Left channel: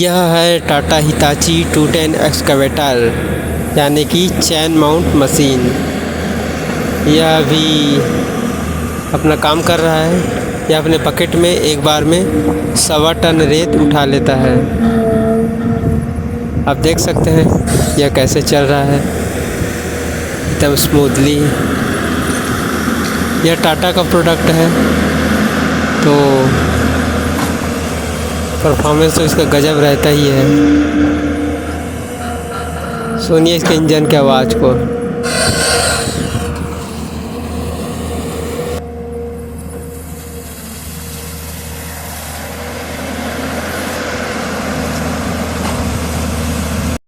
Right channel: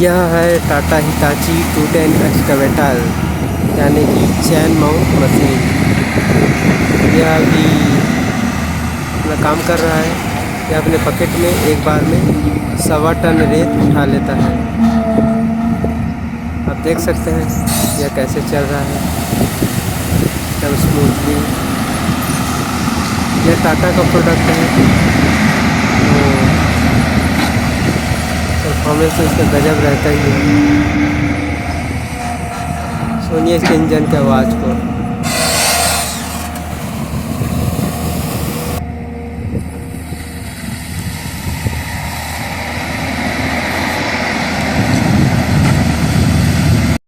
यह है Tata Hitachi 210 excavator यानी कि चैन माउंट मशीन। यह अभी अपना काम कर रहा है। यह अपने पकेट में एक बार में 1.25 टन रेत उठा लेता है। आप देख सकते हैं यह कैसे चल रहा है एकदम स्मूथली। यह टाटा का प्रोडक्ट है तो परफॉर्मेंस तो इसका गजब रहता ही है। सुनिए इसके इंजन की आवाज़ को।